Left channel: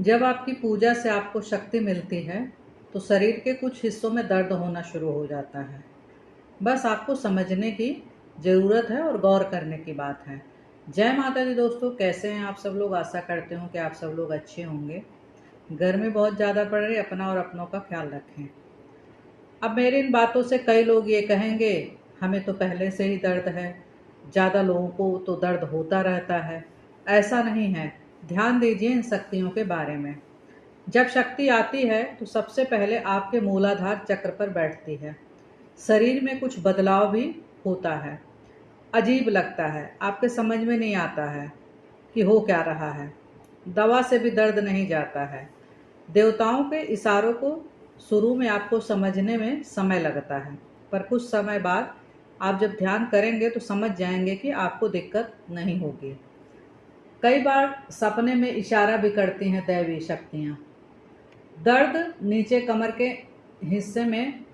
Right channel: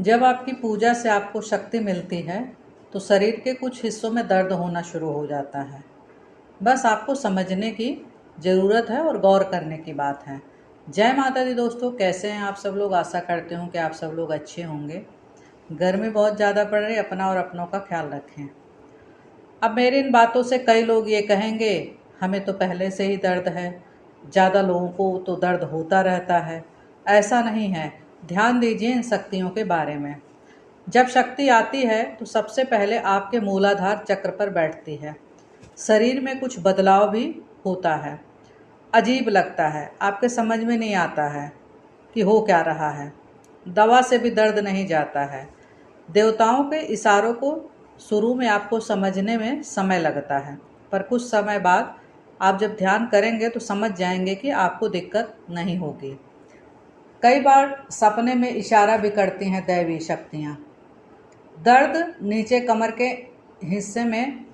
जब आपकी पूजा से आपको शक्ति मिलती है तो शरीर के कुछ हिस्सों में दर्द होना शुरू हो जाता है। बस आपको समझने की ज़रूरत है और गौर करने की बात है। जय माता दी दोस्तों, कैसे हैं आप सब लोग। आशा करते हूँ कि आप सब लोग अच्छे होंगे। गर्मी बहुत ज़्यादा पड़ रही है, अपना और अपनों का ख्याल रखें। अब मेरी इन बातों से कई लोग ये कहेंगे, हमें तो पहले से ही दर्द है, ज़्यादा लोगों को तो दर्द होता रहता है। ऐसा नहीं है। ध्यान दीजिए इन शक्तियों के बारे में। जब शक्ति आती है तो सबसे पहले आपके मूलाधार चक्र पर बैठती है। शरीर में कुछ बदलाव भी होता है। अजीब लगता है, आपके समझ में नहीं आता है कि हो क्या रहा है। दवा से भी दर्द नहीं जाता है। देवताओं के इशारों को शुरू में आपको समझने में समय लगता है, पर कुछ समय बाद आप जब ध्यान करेंगे तो समझ जाएंगे कि आपको दिक्कत नहीं होगी। कई बार सपने में इशारा भी करती हैं दैवी शक्तियाँ। दर्द नीचे कमर के हिस्से में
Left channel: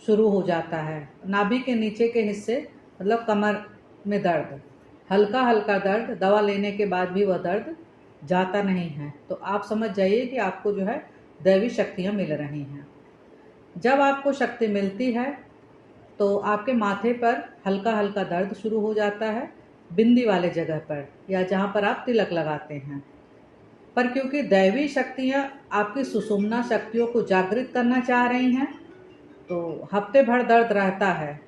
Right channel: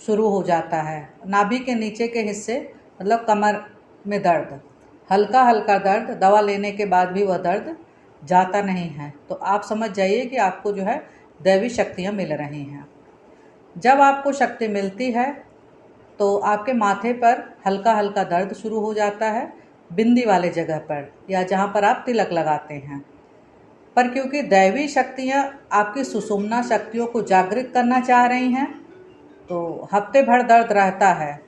शुरू हो जाता है। नाभि के नीचे के हिस्से मतलब कमर में दर्द, हल्का हल्का दर्द, दवा लेने के बाद भी वह दर्द जाता नहीं है। तो आप समझ जाइए कि आपको जो है दैवी शक्तियाँ मिल रही हैं। जब आपको शक्ति मिलती है तो आपके माथे पर हल्का हल्का दर्द शुरू हो जाता है, बिंदी वाले जगह पर या जहाँ पर आप तिलक लगाते हैं। पर क्योंकि दैवी शक्तियाँ आपकी सुषुम्ना शक्तियों को जागृत करना चाह रही हैं तो हफ्ते भर दर्द रहता है,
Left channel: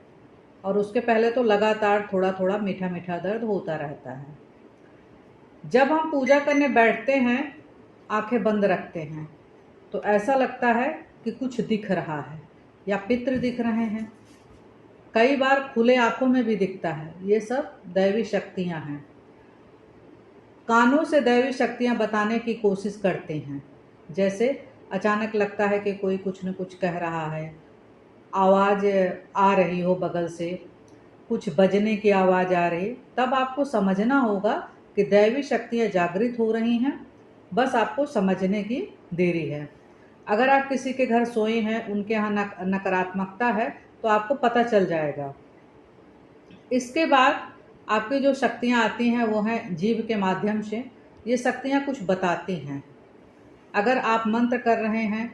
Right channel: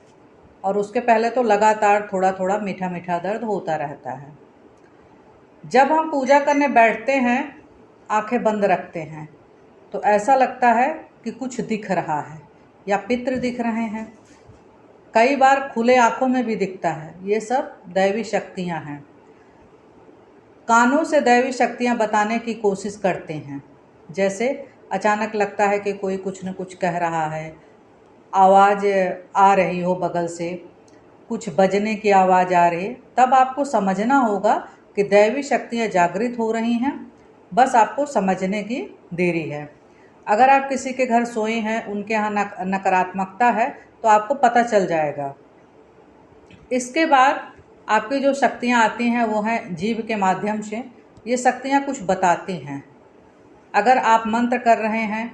और उसके पहले तो लगातार थोड़ा थोड़ा मीठा मीठा दर्द होता रहता है। जब हम पूजा करने बैठते हैं, आंखें बंद रखते हैं, तो ऐसा लगता है कि कुछ दिख रहा है या पितृ दिख रहे हैं। कई बार खुले आंखों में भी दिखता है। ये सब दैवी शक्तियां हैं। कानों से दैवी शक्तियां बताने की कोशिश करते हैं। जैसे अचानक लगता है कि कोई कुछ न कुछ कह रहा है, आवाज़ आ रही हो बगल से, कुछ बजने की आवाज़ आ रही, तब आपको समझना होगा कि दैवी शक्तियाँ जागृत हो रही हैं। बस आपको समझने की देरी है। अगर आप किसी के घर सोए हैं, उनके यहाँ नकारात्मकता है, तो आपको पता चल जाएगा। इसके बाद आपकी जो शक्तियाँ आती हैं वो हैं जीभ के माध्यम से। ये शक्तियाँ कुछ बताती हैं। अगर आप मंत्र कर रहे हैं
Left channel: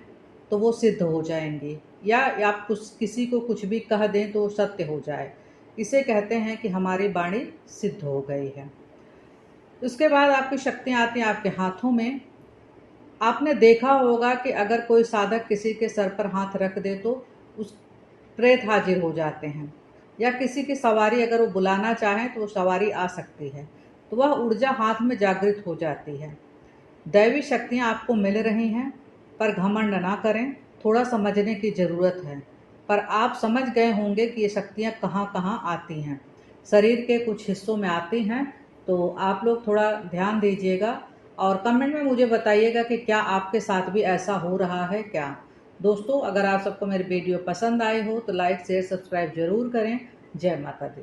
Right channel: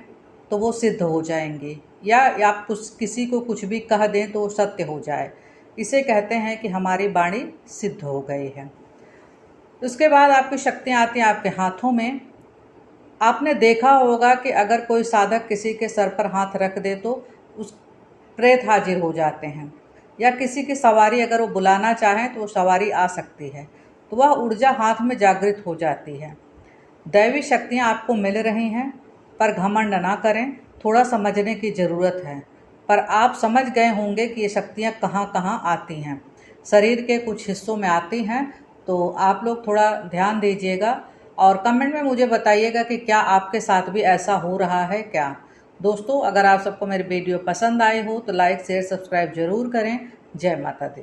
तो वो सिद्ध हो जाएंगी, या आप किसी को कुछ भी कह दें तो वो सत्य हो जाए। इसे कहते हैं कि हमारी वाणी सिद्ध हो गई है। उसके बाद आपकी शक्तियाँ आती हैं आपके हाथों में। आपने देखा होगा कि अगर कोई साधक किसी के सर पर हाथ रख दे तो उस प्रेत हाजिर हो जाते हैं, या किसी की सवारी अगर वो बुलाना चाहें तो वो सवारी आ सकती है, तो वह ऊर्जा हाथ में जागृत हो जाती है। दैवी शक्तियाँ आपको मिल रही हैं, पर घमंड ना करें। थोड़ा समझने की ज़रूरत है। पर आप समझ गए होंगे कि ये शक्तियाँ कहाँ कहाँ आती हैं। शरीर के कुछ हिस्सों में आती हैं, तो आप लोग थोड़ा ध्यान दीजिएगा और कमेंट में मुझे बताइएगा कि क्या आपके साथ भी ऐसा हो रहा है क्या। दोस्तों, अगर आप सबको मेरी वीडियो पसंद आई हो तो लाइक शेयर सब्सक्राइब ज़रूर करें। जय माता दी।